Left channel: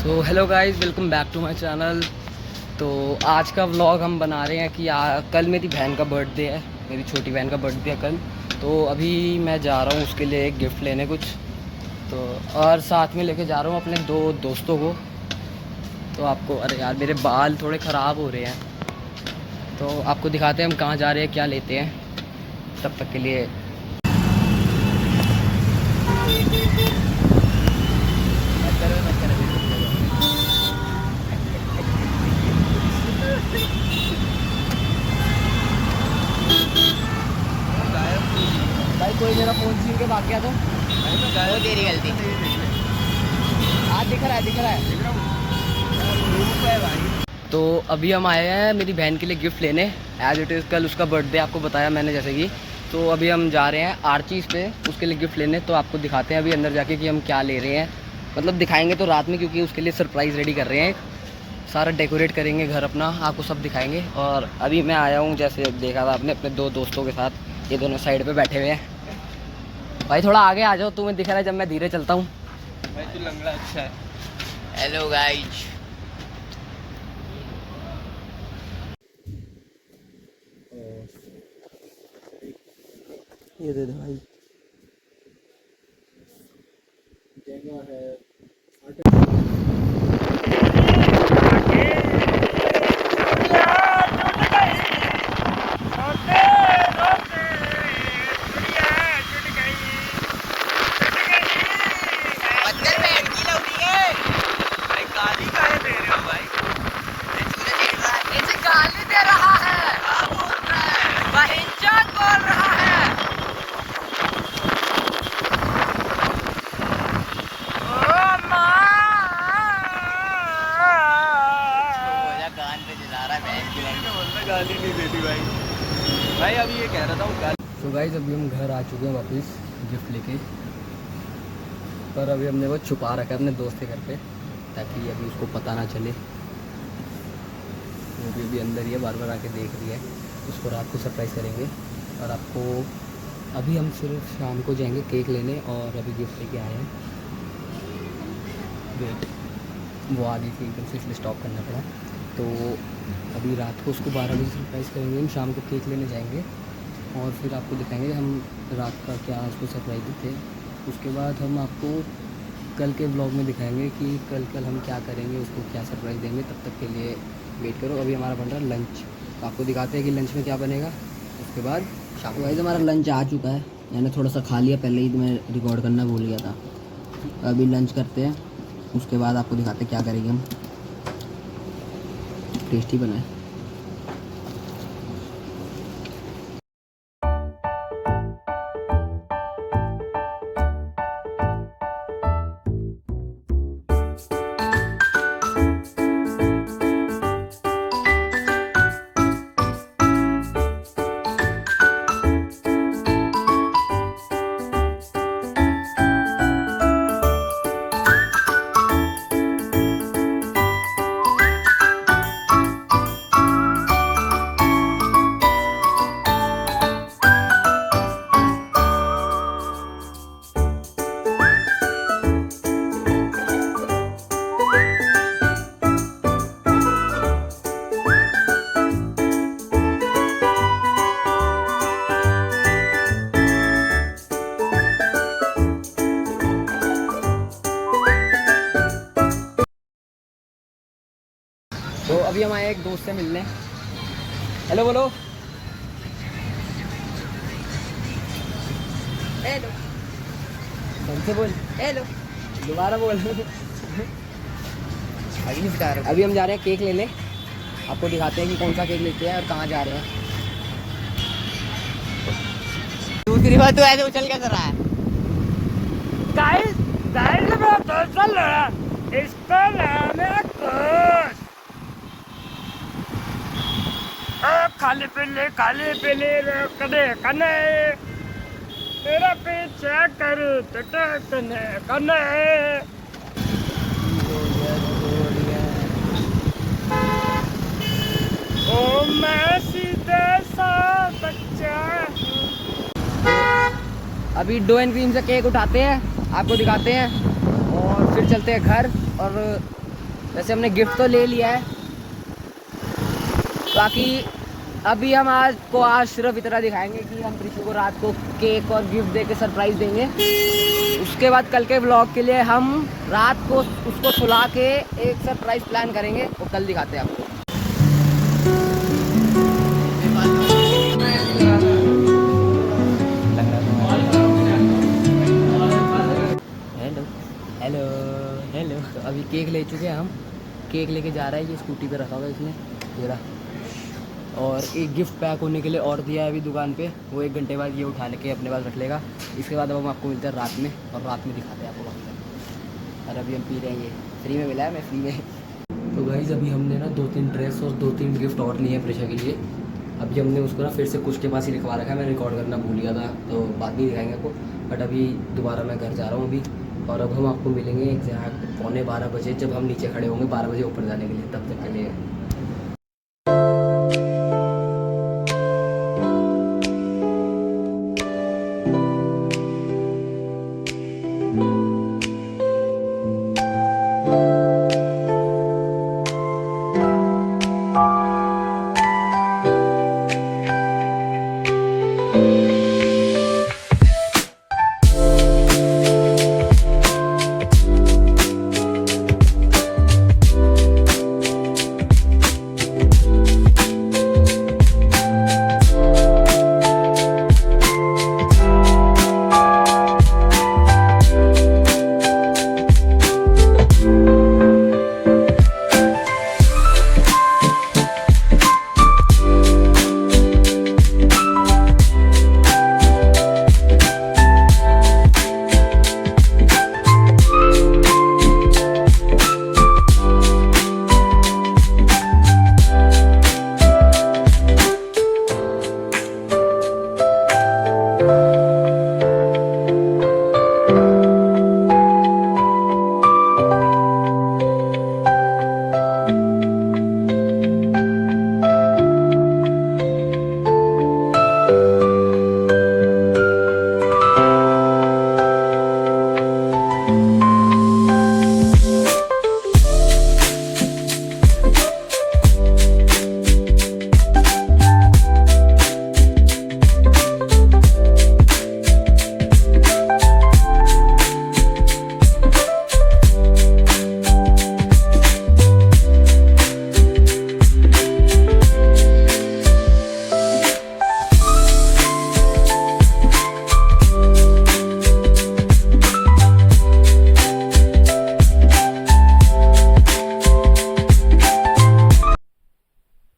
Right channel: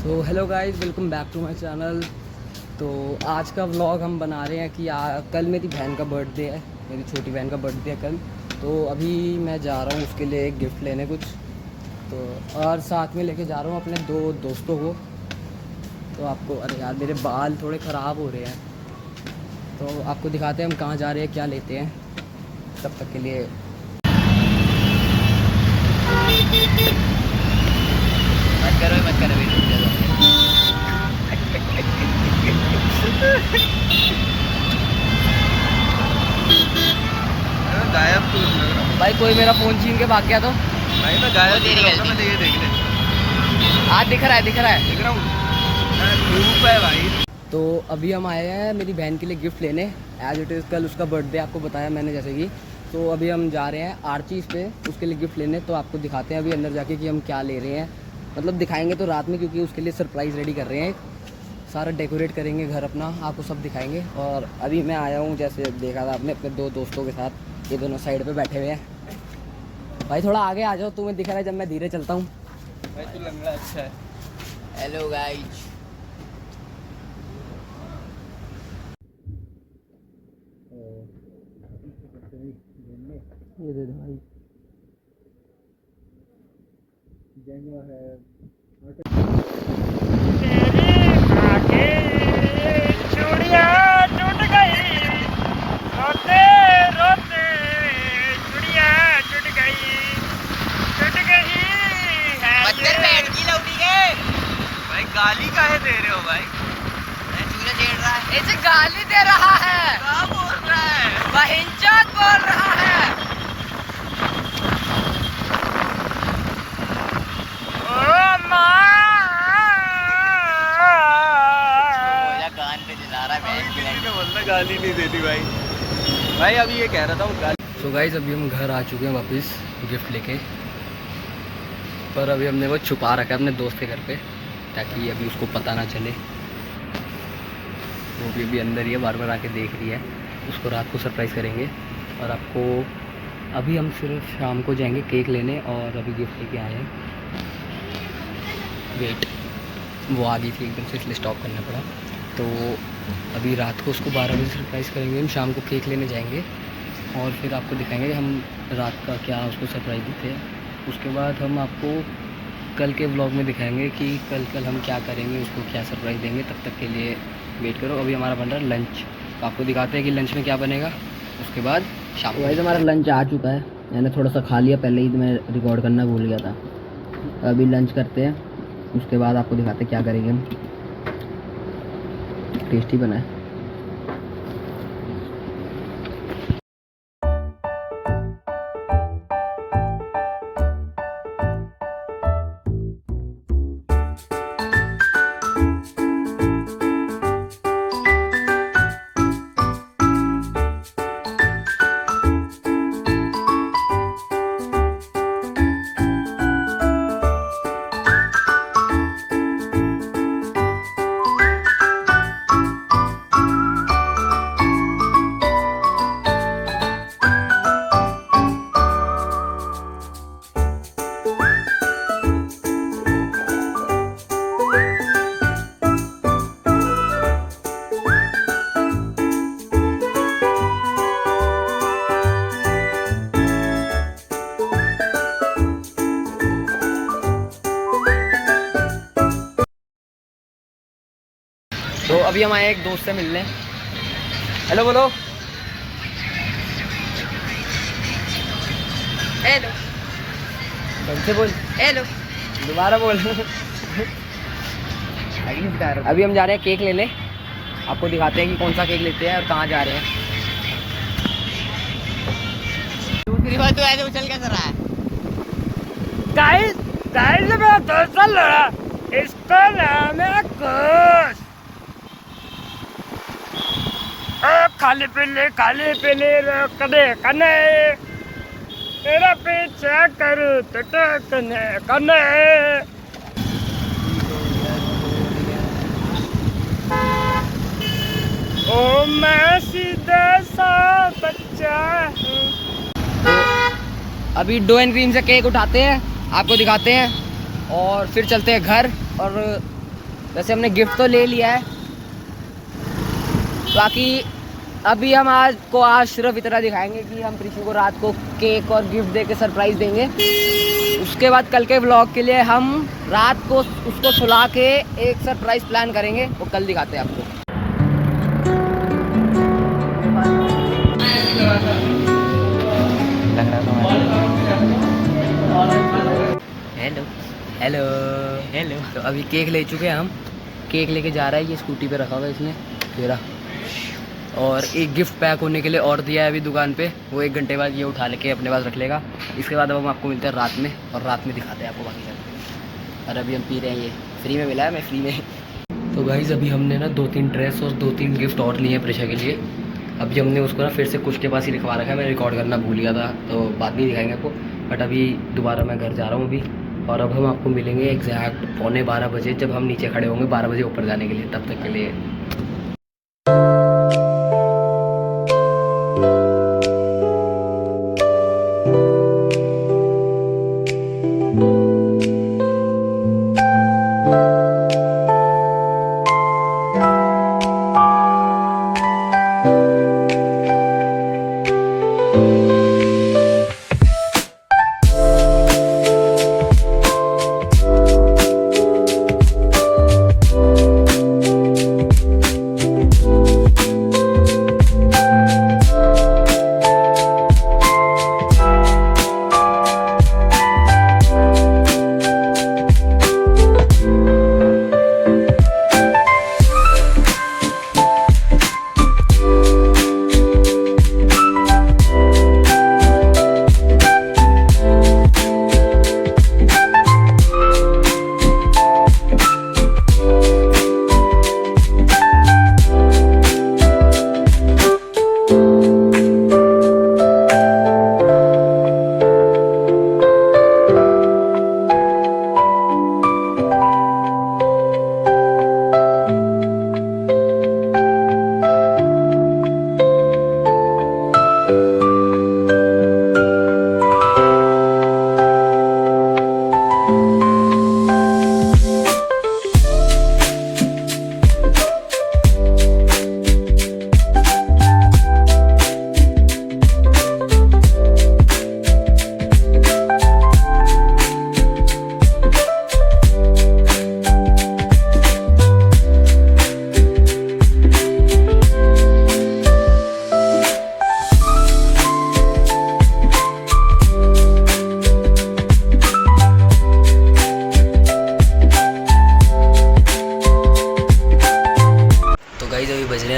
So hello guys, welcome back to my channel. तो आज का व्लॉग हम बना रहे हैं कि कल मेरी बहन का बर्थडे है। मेरी छोटी बहन का बर्थडे है कल। तो अभी मैं जा रहा हूँ उसके लिए एक गिफ्ट लेने कुछ। तो और साथ में लेके जा रहा हूँ अपने दो दोस्तों को। तो आपको, अरे यार मेरे बाल थोड़े ख़राब हो रहे हैं, तो आपको दिखाते हैं हम कहाँ जा रहे हैं, क्या लेते हैं। तब तक के लिए मत करो गायब तो लग रहा हूँ भाई। कोई मेरा फ़ोन छीन के भाग गया तो भाई। मैं गायब तेरी गलती। देख ले आज दिख रहा है देख रहा हूँ धूप है भाई। तो अभी हम आए हैं मेरी बहन के लिए गिफ्ट लेने। एज इट इज़ कल उसका बर्थडे, आपको बताया मैंने जैसे कि। तो अभी हम जा रहे हैं आर्चीज़ पे उसके लिए गिफ्ट लेने। तो आपको दिखाते हैं अभी अंदर जाके कि हम क्या ले रहे हैं। मतलब दिखाएंगे तो रात में, क्योंकि उसके लिए सरप्राइज़ रेडी कर रहे हैं। सारा डेकोरेट करेंगे घर अपना, आपको सब दिखाएंगे। और अभी मैं आया हूँ, जैसे देखा था आपने, अपने दो दोस्तों के साथ। ये दोनों साइड पे बैठे हुए हैं। भाई थोड़ा आगे आ जाओ, तुम्हें दिख रहा है जब मैं धीरे चलता हूँ। भाई तू लंगड़ा अच्छा है। Hello guys. ये दे दो भाई। जगह है भाई। गाली काहे दे रहे हो भाई? इसे गाली दे रहा है, क्या बोल रहा है? बहिंचोद बोल रहा है। कान पे दिला रहा है। बोलना गाली नहीं देती भाई। भाई अभी ये कह रहा था वो गाली। सो गाइज, अभी हम घर आ चुके हैं वापस गिफ्ट लेके। पर अभी हमने वो छुपा रखा है अपने दोस्त के घर पे, ताकि अभी उसको पता ना चले। वो भी अभी अंदर ही है, बार बार आके देख रही है। उसको रात को सरप्राइज़ करेंगे। और आपको अभी हम सिर्फ शाम को जाएंगे केक लेने, और अभी गिफ्ट लेके आए हैं। वेट, वो आ गई थी एकदम से, इसलिए स्टॉप करना पड़ा। तो अभी रात को उसको 12 बजे सरप्राइज़ करेंगे। हम शाम को केक लेने जाएंगे और फिर आपको दिखाएंगे कि हम रात का क्या उसको सरप्राइज़ देते हैं। उसके बाद हम आपको कल के व्लॉग में दिखाएंगे कि कल हम क्या करेंगे, उसको क्या सरप्राइज़ देंगे। तब तक के लिए वेट करो। अभी हमारा बन रहा है लंच, तो आपको दिखाते हैं कि लंच में क्या बनेगा। उसके बाद शाम को हमारा लंच आ चुका है। मैंने थोड़ा सा खा लिया पहले ही, तो मैं रिकॉर्ड करना भूल गया था। अभी लंच करते हैं, उसके बाद आपको दिखाते हैं क्या करेंगे हम। टेस्टी बना है। तो अभी हम आए एक दोस्त से मिलने। हेलो बोलो। हेलो। ढंग से बोल। हेलो। दोबारा बोल। अभी हम जा रहे हैं केक लेने। आपको दिखाते हैं कि कौन सा केक लेते हैं और कहाँ जा रहे हैं। दूसरी बात तो ऐसे उछल कैसे रहा है? गाइस मेरा दोस्त चल रहा है, इसका नाम है कुश। खाली पीली कदे कने, तेरा पीछा करूँ तो टकने कने। ओ मैं सीधा सा बच्चा हूँ। अभी डो एंड क्रीम से केक उठाते हैं, आपको दिखाते हैं और फिर चलते हैं घर। और वैसे हमने गिफ्ट तो ले लिया है, बाकी अभी हम आज सिर्फ इतना दिखाएंगे कि हम प्रीति को रात को केक और गिफ्ट दे के सरप्राइज़ देंगे। उसके बाद कल के व्लॉग के लिए हम रात को उसको सुला के एक सरप्राइज़ प्लान करेंगे, वो कल दिखाते हैं आपको। Hello hello hello. तो अभी केक ले चुके हैं हम, केक लेके जा रहा है, ये स्कूटी पे रखा हुआ है इसने तेरा, और एक गिफ्ट पैक होने के लिए और दिया है अभी दुकान पे, वो 1 घंटे बाद ये उठा लेके अपने पास रख लेगा। इसके बाद अब हम आपको मिलते हैं रात में, और रात में दिखाते हैं आपको बाकी सब। और अभी हम पी रहे हैं, ये फ्री में मिला है, मैं फ्री में। तो गाइज़ अभी हमने ना 2-3 ड्रेस और 2-3 गिफ्ट और लिए हैं प्रेशा के लिए। अभी हमने उसको ना फिर से कुछ के पास ही लिखवा रखा है, मैं रिकॉर्ड करना भूल गया था तो बाद में दिखाएंगे आपको। बट अभी दोबारा मैं घर जा रहा हूँ अभी, और अब हम आपको मिलेंगे एग्जैक्ट 11:15 बजे, जब हम नीचे खड़े होंगे 12 बजे ऊपर जाने के लिए। तब तक के लिए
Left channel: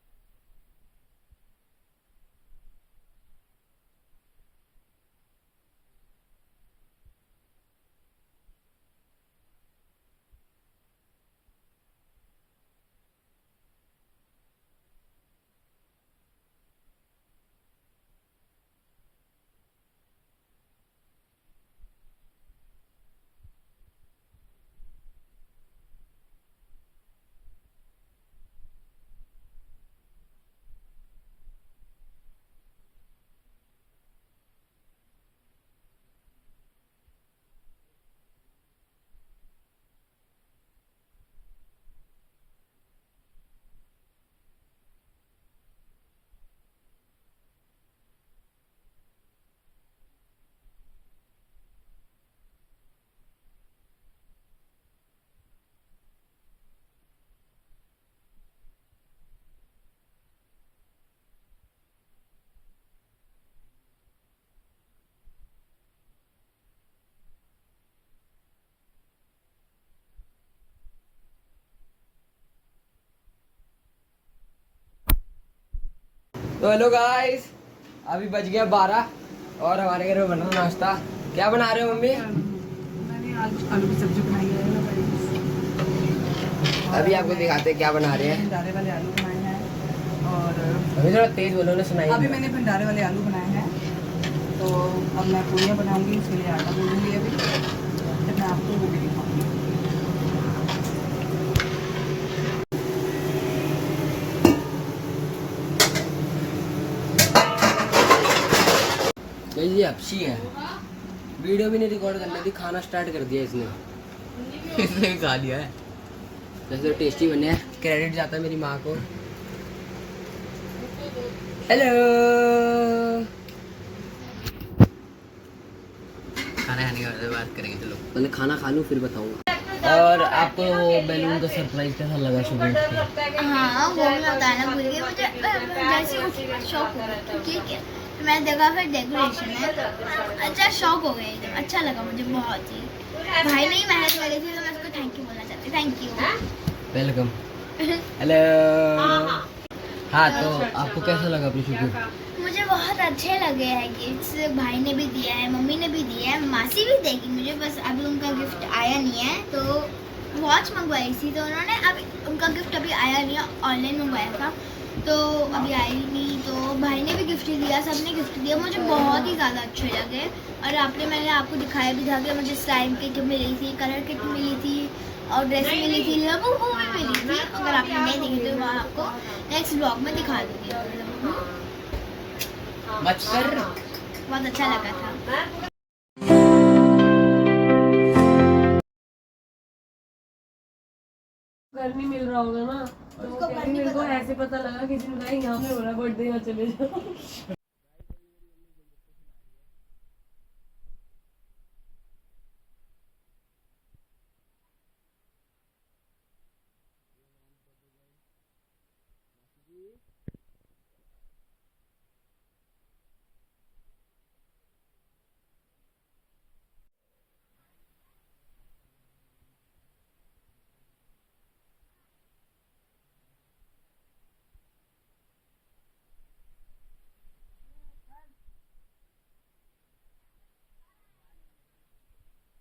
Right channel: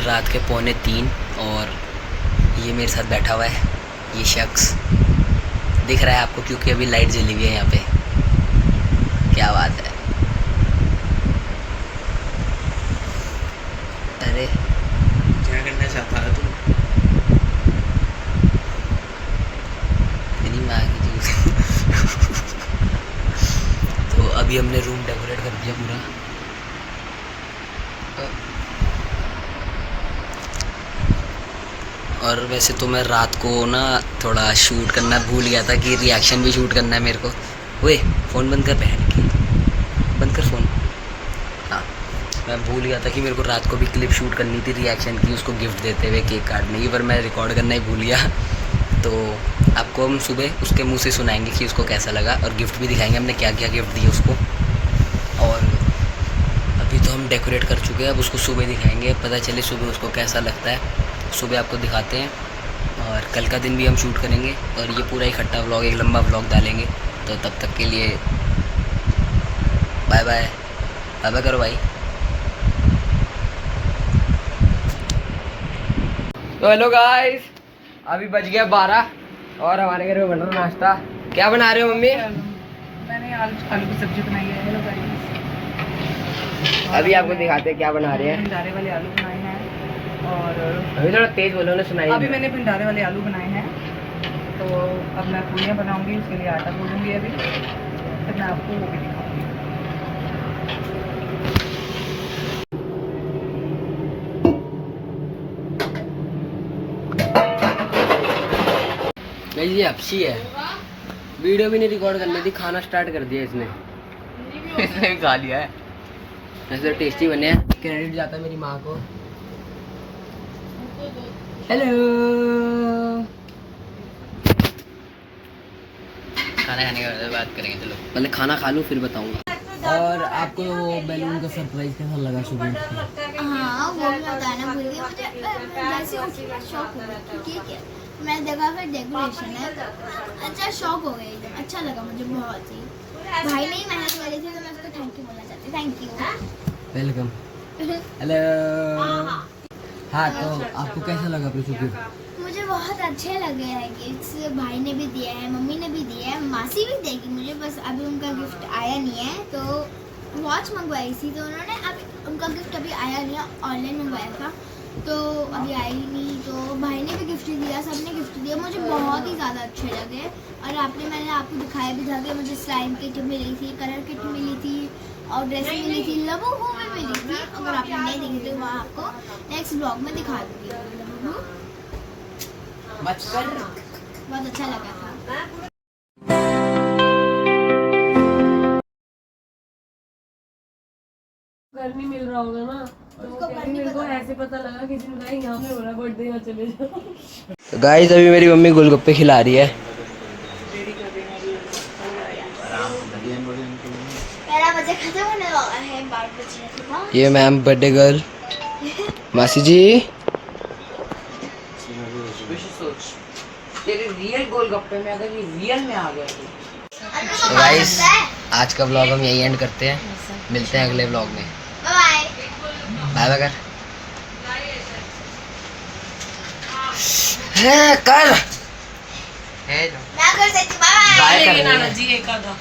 रात के 2:45 और ये मेरे साथ बैठा हुआ है, ये शख्स दिख रहा है आपको क्योंकि अभी लाइट जली हुई है यहाँ पे। क्या बात है, अरे क्या करना चाहता है तू? तेरी माँ की जूस। तो अभी हमने रूम डेकोरेट कर दिया पूरा। और वैसे तो मैं रात को ना थोड़ा शूट करना भूल गया था कि रिएक्शन भी शूट करना है मेरे को। ओए फ़ोन बंद कर, बहन की बंद कर फ़ोन। हाँ, मैं भूल गया था कि मेरे को रात को भी क्लिप शूट करनी थी रिएक्शन की, उसको गिफ्ट देते हुए केक काटने की, पर मैं रिकॉर्ड करना ही भूल गया। तो आपको हम सुबह उसके मुँह से सुनाएंगे कि उसको कैसा लगा, और गिफ्ट भी दिखाएंगे हमने क्या क्या गिफ्ट दिए उसको। और अभी तो हम डेकोरेट कर चुके हैं, अब उसको सुबह दिखाएंगे, पता चले सुबह उसको कैसा लगता है। सुबह आपको दिखाते हैं, और कल का दिन भी हम शूट करेंगे, और ये पूरा इकट्ठा व्लॉग, एक लंबा व्लॉग डालेंगे। तो तब तक के लिए बाय बाय, बाय बाय करो भाई। तो हेलो गाइस, अभी बज गया 12 और हमारे घर में बना नाश्ता। क्या बना रहे हो मम्मी? मैंने आलू की सब्जी बनाई है। हेलो गाइस, अभी आपको दिखाते हैं क्या बना रहे हैं। भंडारे वाले आलू बनाए हैं, और अभी थोड़ा तेज बोलो ना, सुनाई अभी मैंने भंडारे वाले आलू बनाए हैं। तो अब मैं पूड़ियाँ बनाऊंगी, उसके लिए आटा गूंदूंगी अभी, तो मैं आपको वो भी दिखाऊंगी। ये हपसी है, वीडियो भी नहीं रिकॉर्ड करनी थी, खाना स्टार्ट कर दिया इसने। इसने खा लिया है। वैसे टेस्टी बने हैं, क्रेडिट जाता है मेरी माँ को। हेलो, खाना खाने के बाद बात करेंगे, चलो पहले खाना खा लूँ फिर बताऊँगा। और आपको वो बैलून का सरप्राइज कैसा लगा सुबह? हाँ वो मैं बताना भूल गई। मुझे जैसे उठी मैं शॉक हो गई, ठीक है। तो मैंने देखा फिर डेकोरेशन है, अच्छा शॉक हो गई एकदम, अच्छा लगा मुझे बहुत ही। भाई ने ही मेहनत करी थी तो मैं उसको थैंक यू बोलना चाहती, थैंक यू। वेलकम। हेलो। हाँ तो आपको कैसा लगा अपनी शुक्र? मुझे बहुत अच्छे लगे हैं गिफ्ट्स, भाई ने भी दिया है, मम्मी ने भी दिया है, मासी भी देगी मुझे, बस अभी उनका गिफ्ट आया नहीं है। तो वॉच मंगवाई थी तो उन्होंने, अभी उनका गिफ्ट अभी आया नहीं है, ऑनलाइन मंगवाया था तो अभी आई नहीं। तो भाई ने भी गिफ्ट दिया, सबने गिफ्ट दिया, मुझे बहुत ही ज़्यादा अच्छे लगे। और मैंने आपको दिखाया भी था कि मुझे स्लाइम किट मिली थी, कलर किट मिली थी और ड्रेस मिली थी, लबू भी मिली थी। अगर आपने नहीं देखी तो वहाँ आपको नेक्स्ट ब्लॉग में दिखा दूँगी। लबू बहुत अच्छा लगा था। घर नहीं मिल रहा होगा ना, तो वो कहती मेरे को ऐसे पता लगा किसी ने कहा यहाँ पे हो रहा बर्थडे, यहाँ चले जाओ। गाइस अभी मेरी मम्मी गोलगप्पे खिला रही है। मेरा बजे खत्म होने वाला है, 12 बजे। ये मैम बर्थडे गर्ल मासी जी। तेरे रियल गोलगप्पे में अगर ये रियल में आ गया तो गाइस आज का व्लॉग हम यही एंड करते हैं, मिलते हैं अगले व्लॉग में। बाय बाय बाय कर। है कर। मैं कर सकती हूँ, बाय बाय कर रही है। जी एक आधा